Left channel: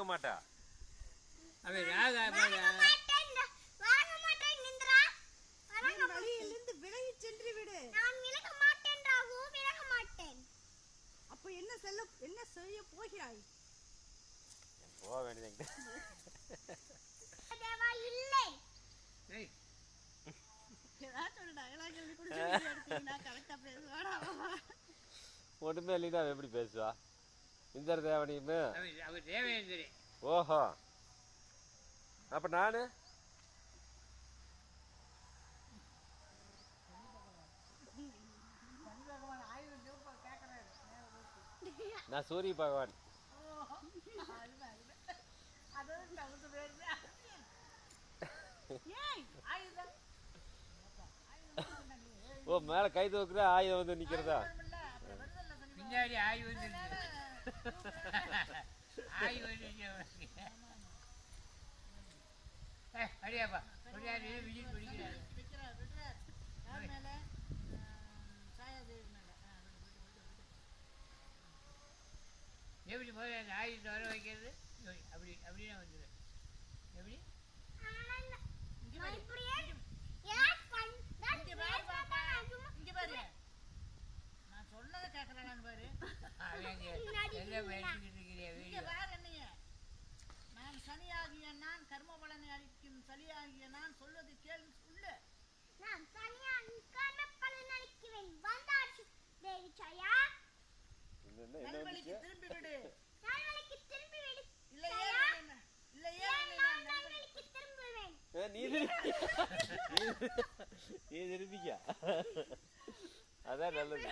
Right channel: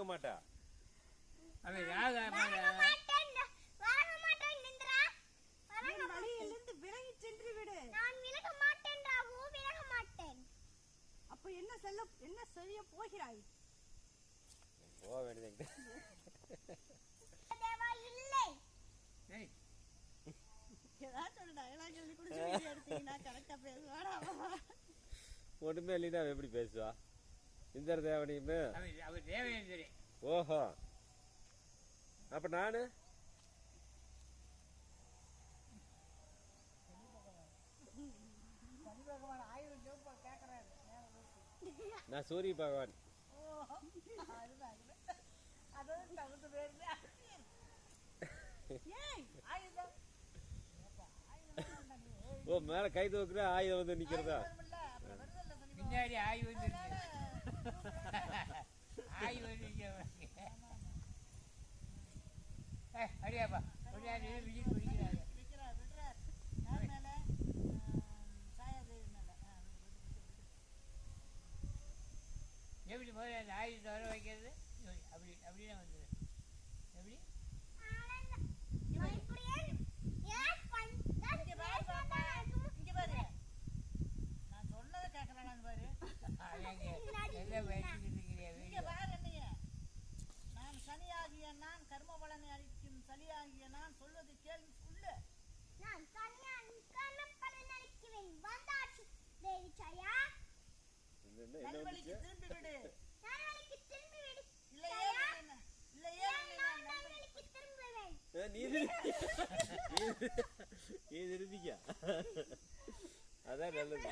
வாங்க மாட்டா. அவன் வாங்க மாட்டேன் நின்றா. வழியிலிருந்து விலகி சென்று விடு. நான் விலக மாட்டேன் ராகு, விலக மாட்டேன். அப்ப என்ன செய்ய போகிறாய்? போக வேண்டியது. தேவா இல்லை. ஒண்ணுமே இல்லைன்னா அவ எப்படி பேசுவா? இந்தர் தேவனையுமே அவர் தேவனேந்திரி. ஓஹோ, அப்ப நானு நான் சூரிய பகவான். ஓ, மேல கை தூக்குற ஆயுதம் வந்து நிக்கிறதா? பின்னாடி ஆய் வந்து ஆய் வந்து அடியாப்பா விஜய் பிடிக்கிறாரு. எப்படி போய் அந்த ஆயுதத்தை வர வைக்கிறது? அப்படியே வந்துடு. எப்படி நான் சனியாகிய நான் கர்ம பலனை அளிக்கும் சலியாகிய நான் சொல்வது கேள்வி சொல்லு. நான் கர்ம பலன் அளிக்கிறேன். வந்தாச்சு தேவி சாயா. நல்வழிக்கு திரும்பி விடு. நல்வழிக்கு திரும்பி விடு. இல்லையே நான் நல்வழிக்கு திரும்புவேன். நீ திரும்பிக்க. அதான் நல்லது.